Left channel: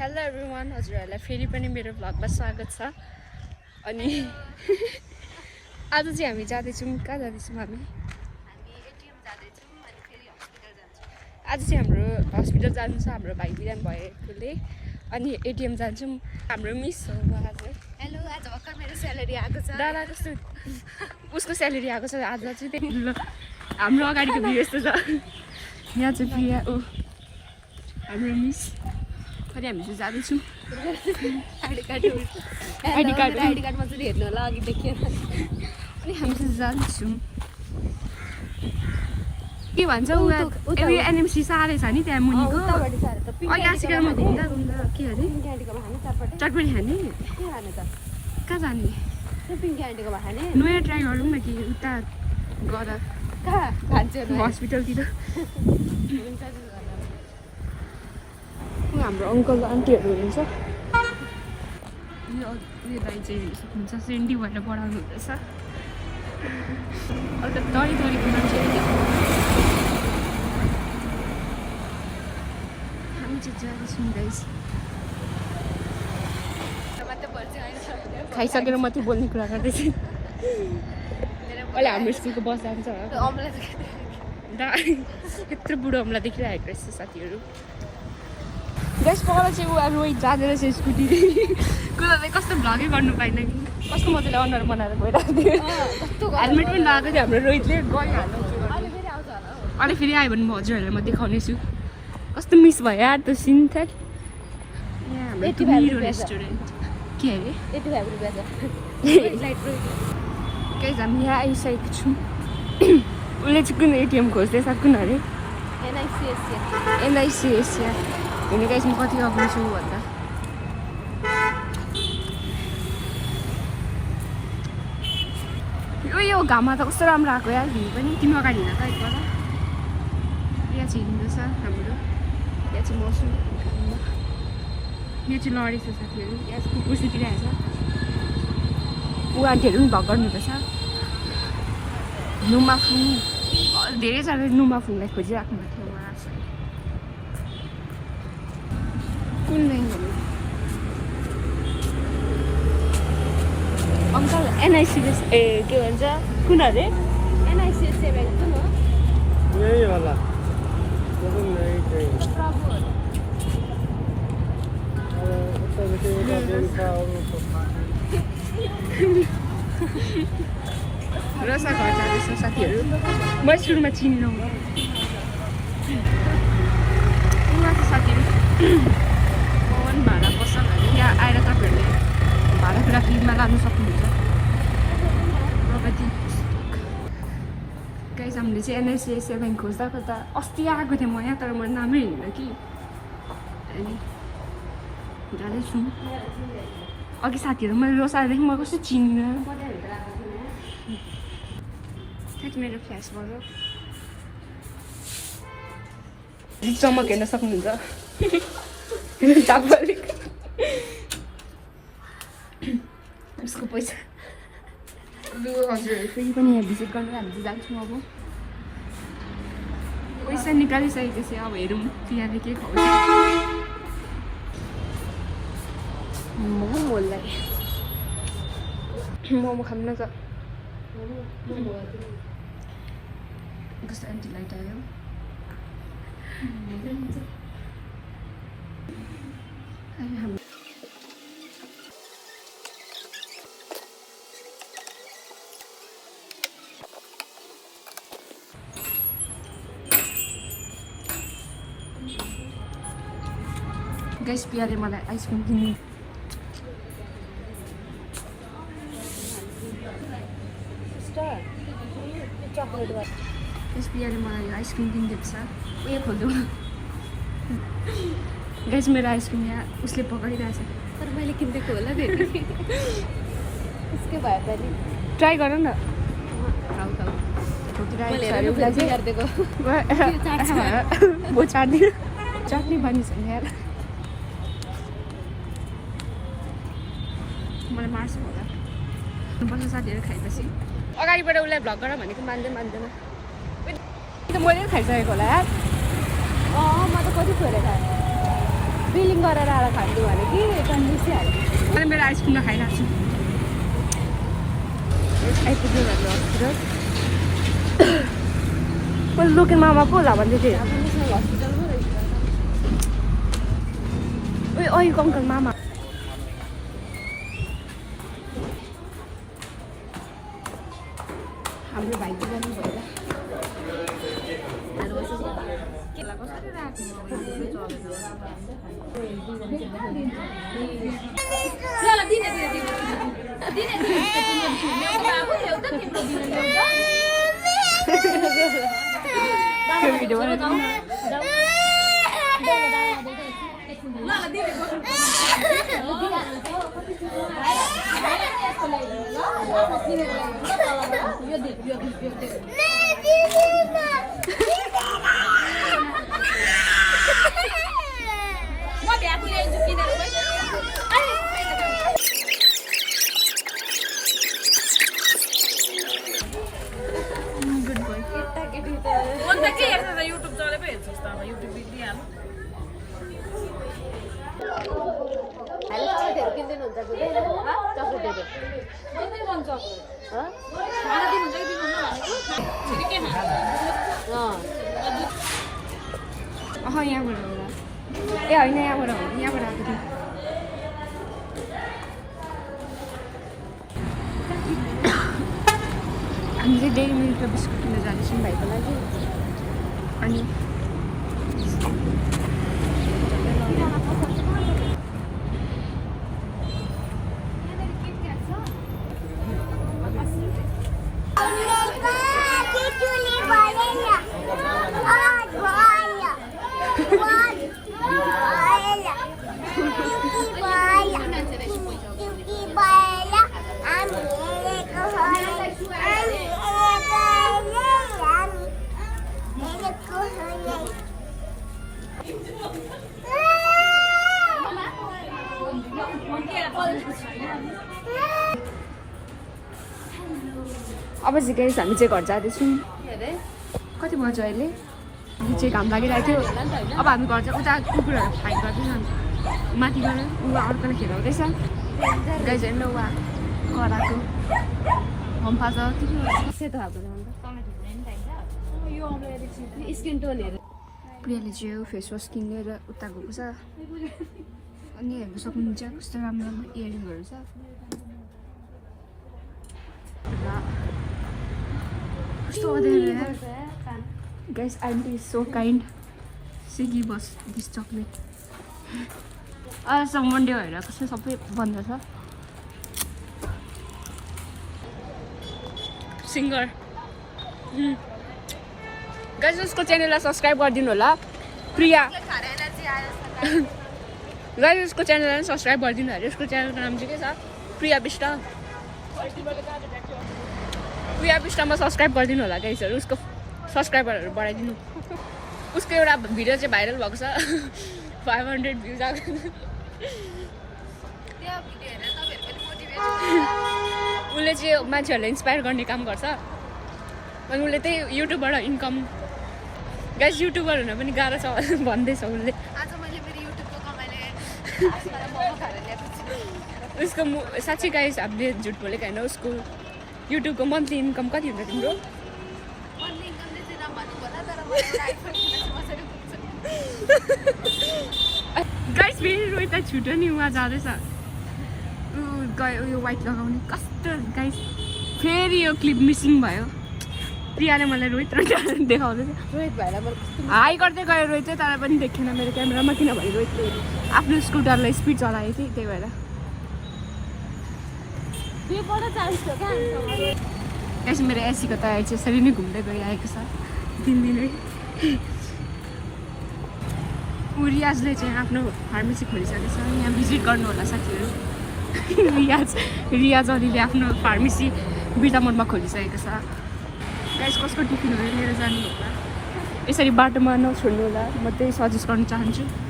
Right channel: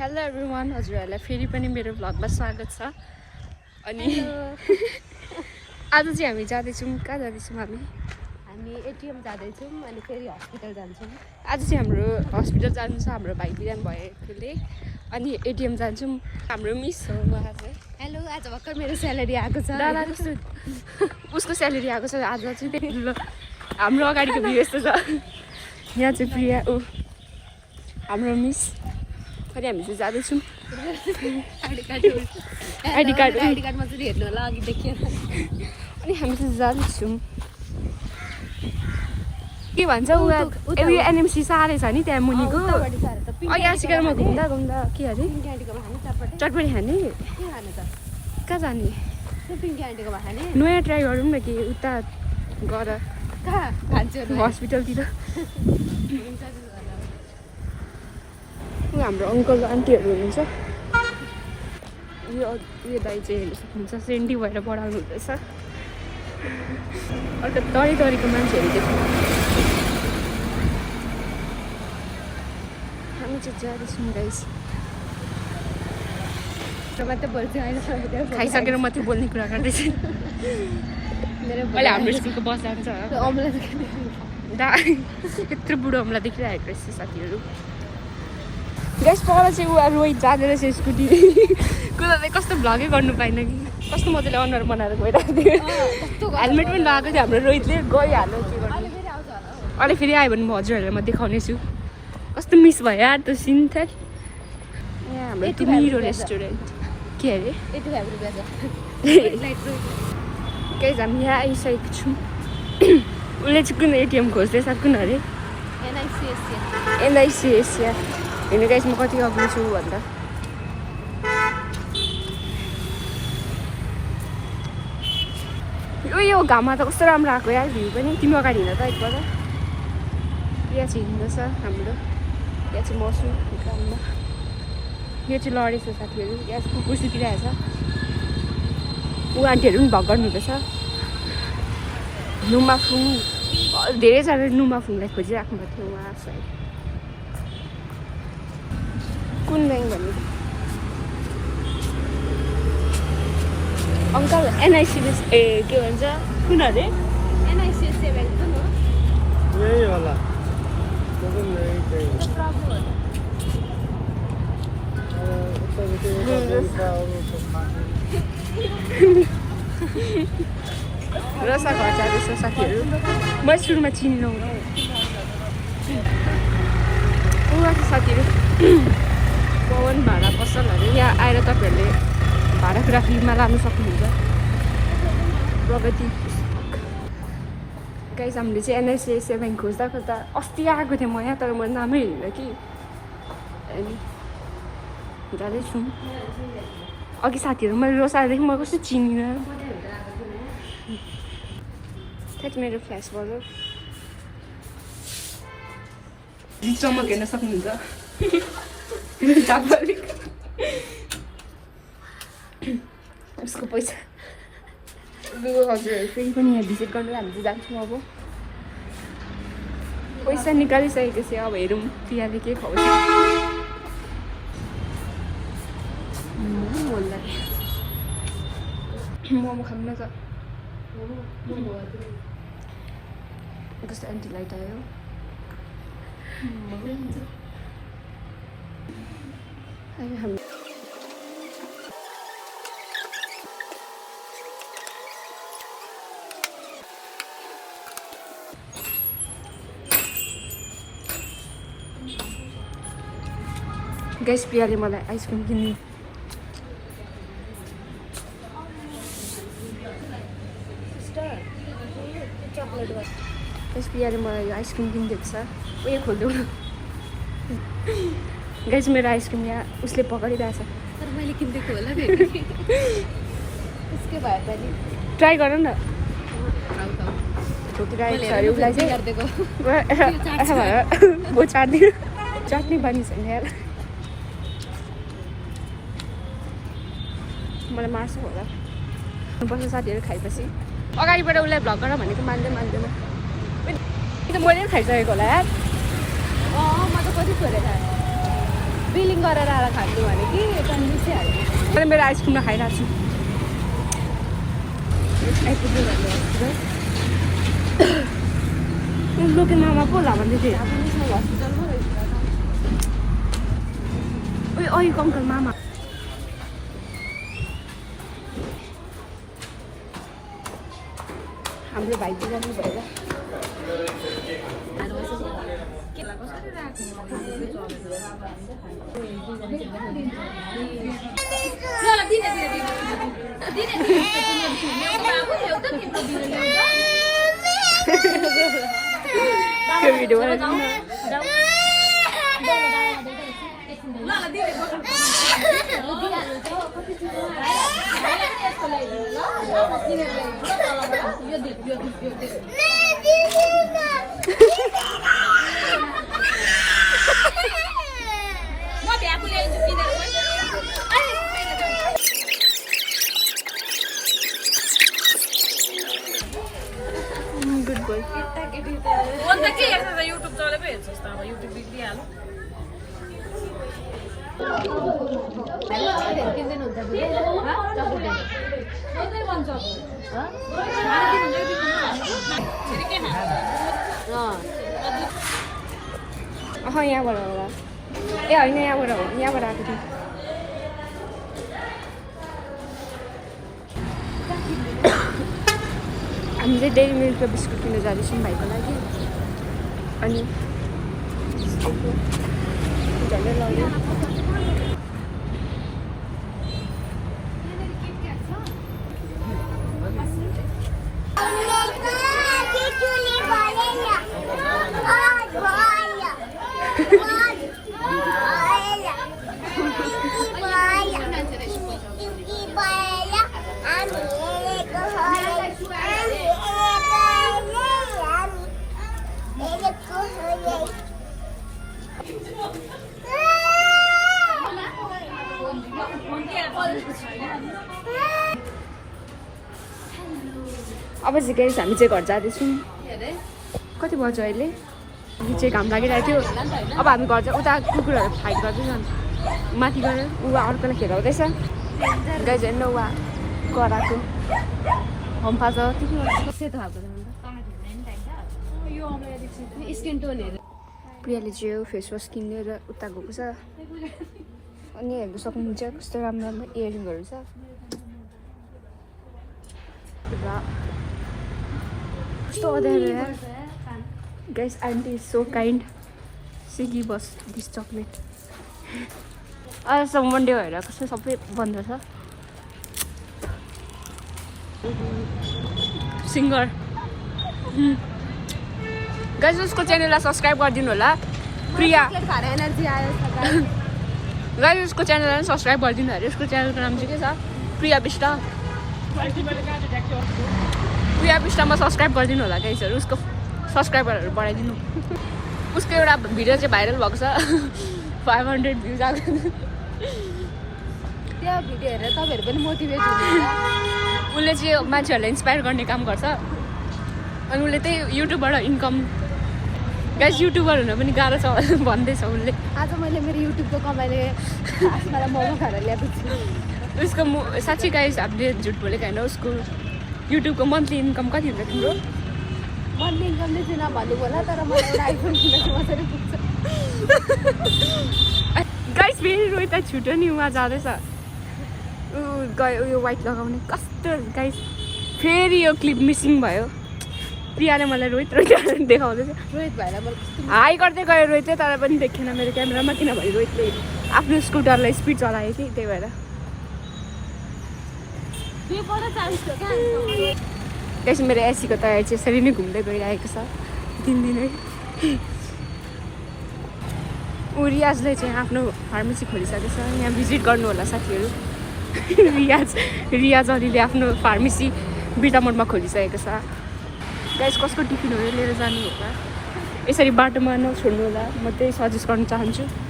Hello everyone, हजुरहरूलाई फेरि पनि मेरो भ्लगमा स्वागत छ। अनि आज चाहिँ हामी जाँदैछौँ, कहाँ जाँदैछौँ हामी एटिएम जाँदैछौँ अनि फेरि हस्पिटल जान्छौँ। आज चाहिँ हाम्रो हस्पिटल जानु छ, हाम्रो भाइ बिरामी भएकोले। अनि एटिएम जान्छौँ। हाम्रो मिस हो उहाँ चाहिँ। हेलो, आज भर्खर मेरो स्यालेरी आएको छ। उसको स्यालेरी आएको छ आज चाहिँ। ल हाम्रो अगाडिको भ्यू यस्तो छ। यहाँ चाहिँ प्रिया ऊ हाम्रो मिस। अनि हामी चाहिँ जाँदैछौँ। आइडी कार्डमा चाहिँ हेर्नु होला, अघि देखियो। अनि हामी चाहिँ जाँदैछौँ। के भन्छ उहाँ एनएमसी साह्रै छ नि त्यहाँ मुनिको। यहाँ सिकेर म घुम्दा के अरे चटपटी खाने कहाँ जाने नयाँ ट्राई गरौँ न कि उता गएर हस्पिटलतिर। हाम्रो अङ्कल आन्टीहरू हुनुहुन्छ। उयो दाइ चाहिँ हेर्नु सक्नुहुन्छ, सेन्डी भएर पढाउनु हुँदैछ। अन्त तरीको मान्छेहरू देख्छ। हामी चाहिँ जाँदैछौँ गाइस। खाइसकेर मात्रै बोल्ने कुरा गर्दैछ। अहिले हाम्रो स्कुलको बस आउँछ। यत्रो बुढो अमला देखिरहेको रहेछ साथीहरू। गाइस पर चाहिँ ऊ रोहित जाँदो रहेछ स्कुटी कुदाउँदै। कस्तो भ्लगै गर्नु पाएन कि कस्तो मजाले अनुहार बनाएर गइरहेको थियो। हेलमेट पनि लगाएको थियो हाम्रो रोहितले, गइहाल्यो के गर्नु। अहिले फेरि आयो भने म हजुरहरूलाई म देखाउनेछु कस्तो मिस भयो यार त्यो सिन थियो। हाम्रो मेरो रेस्टुरेन्ट के अरे गाइस हामी यहाँ आइसकेको छु। उसले चाहिँ कुन एटिएम खोज्दैछ, कुन अरे एनआइसिएस या हेर्नु गाइस म कति अग्लो छु भन्दा। यो घाममा त कस्तो राम्रो आएको यार भ्यू पनि। तिम्रो अगाडि हिँड त एकपल्ट। यहाँ चाहिँ हिँड्दैछ हाम्रो। यहाँ चाहिँ मसु काममा। यो चाहिँ लडेछ साथीहरू। यहाँ चाहिँ कुकुर सुतिरहेछ। ऊ आन्टीहरू पनि भग गर्नुहुँदैछ। नुमाफुङ धेरैजना नुमाफुङलाई खोजिराख्नु भएको थियो उहाँ साइड। कुन ब्याङ्क भन्नु अङ्कल एनआइसिएस ए के भन्छ कुन अरे एनआइसिएस ब्याङ्क कुन हो? यही होला। रसा घर जाँदैछ साथीहरू। म सुरुमा चिनिनँ उहाँ साथीहरू। पवन भाडा पसलहरू यहाँ आएर तपाईँहरूले भाडाग्राफीमा लानु सक्नुहुन्छ। प्रगति पुस्तक गाइस हामीले चाहिँ एनआइसिएस ब्याङ्क खोज्दा अस्ति आएको थिएँ म यहाँ, तर म नामै हिँड्दैन कि। अनि जाँदैछौँ। अघि साथीहरू मैले रोसादेखि म कस्तो चिनिनँ। ठ्याक मेरो फ्ल्यासबाट चमक हेर्न सक्नुहुन्छ। उसको पैसा हजुरहरू फेरि पनि यहाँ भिजिट गर्नु हामी चाहिँ जान्छौँ। अब पैसा निकालिसकेपछि अब हेरौँ प्रियाले के खुवाउँछ। मोमो खानु न त। कस्तो एन्टी लाइट आयो। हामी गाइस प्रियाले मलाई आइसक्रिम किन्नु गाइस प्रियाले मलाई यो आइसक्रिम किनिदिएको छ। उयो खोलिदेऊ न गाइस मेरो आइसक्रिम यहाँ उसले पक्रिरहेछ। तर मैले किनिदिएको होला नि। उसकै भए पनि ट्राई गर न। चाट्ने बानी छैन यार। मलाई मार्छ होला। बस्छ साथीहरू खाएपछि अगाडिबाट उसलाई भ्लग गर भनेको मान्दैन। मैले खाइसकेको होला यार। म त कति थियो होला। फिलिङ गरेर आएर खान्छु भने कि कन्फ्युजै हाल्छ मैले मेरो आइसक्रिम खाइरहेको छु लुकिङ मामा पो होला भन्दै थिएँ ओइ अङ्कल मामा हाम्रो भाइ चाहिँ गर्नु भएर यहाँबाट होला ए होइन यहाँबाट आएको थियो हामी चाहिँ डेली मिल्क र बिस्कुट किन्न जाँदैछौँ भाइको लागि अनि झन्डै लग्यो अब चाहिँ गाइस हामी चाहिँ घर जाँदैछौँ कति बज्यो अहिले चाहिँ घाम लागिरहेको थियो अब हामी घर चाहिँ उता कुकुरहरू फाइट गर्दैछ माथि गएर ऊ अर्कोलाई खेलाउँदैछ गाइस हेर्नु वा कराएको हम्फा छ सेतो खाएको स्किन टोन हेर प्रियाले चाहिँ फेस वास किनेर उता गएको छ अनि हेर्नु सक्नुहुन्छ कस्तो राम्रो राम्रो इयरिङहरू छ कस्तो अँध्यारो यार guys aunty is so kind she give us this chocolate अहिलेसम्म मन्डे भएर कस्तो सबै बन्द छ सिङ्गर गाइस उसको च्यानललाई सब्सक्राइब गरिदिनु होला प्रिया एनर्जी आयो गाइस उसको च्यानललाई सब्सक्राइब गरिदिनु होला उसको च्यानलको नाम चाहिँ के छ प्रिया विष्ट प्रिया विष्टमा सब्सक्राइब गरिदिनु होला गाइसहरू उसको सब्सक्राइबरहरू बढाइदिनु उसको एउटा भिडियो चाहिँ भाइरल भएको छ 500 भ्युज आएको त्यो भिडियो हेरेर तपाईँहरू पनि मोटिभेट हुनुहुन्छ उसले चाहिँ मान्छेहरूलाई इन्सपायर गर्ने काम गर्छ अनि उसले त्यही युट्युबबाट इन्कम गाइस युट्युबर हुन पनि गाह्रो छ भन्दैछ उसले आज मैले मेरो युट्युबको कमाइले मलाई मोमो खाएर ल्याएको छु उसको साँच्चै गाइस हामीले झुट बोलेको होइन उसको युट्युबको मन्थली इन्कम कति हुन्छ तिम्रो मन्थली इन्कम नै थिएन भन्नु होला तर मलाई एउटा आइफोन किन्न चाहिँ मजाले पुग्छ गाइस फेरि रोहित छुट्यो नि उहाँ जाँदैछ उयो वाइट लगाउने कस्तो गाइस फेरि यो क्लिप मिसिङ भयो प्रियाले मलाई रोहित देखाउँदैछ हाई गर्दै गयो रोहित तर पनि देखेन मेरो क्यामेरामा किनभने रोहितले आफ्नो स्कुटरलाई स्पिड चलायो कि त्यही भएर त्यसपछि मेरो एसीको तयारी चाहिँ यसरी नै घुम्दै गइरहेको छ दिनदिनै रियाजले चाहिँ आफ्नो फार्मेसी खोलिसकेको छ यहाँ भिजिट गर्नु होला साथीहरू रियाज अलिले आफ्नो फार्मेसी बिटामोडमा खोलिसकेको छ गाइस कस्तो टिफिनहरू लिएर जानु होला यसरी बाटोमा नछोड्नु होला म त्यही सजेस्ट गर्न चाहन्छु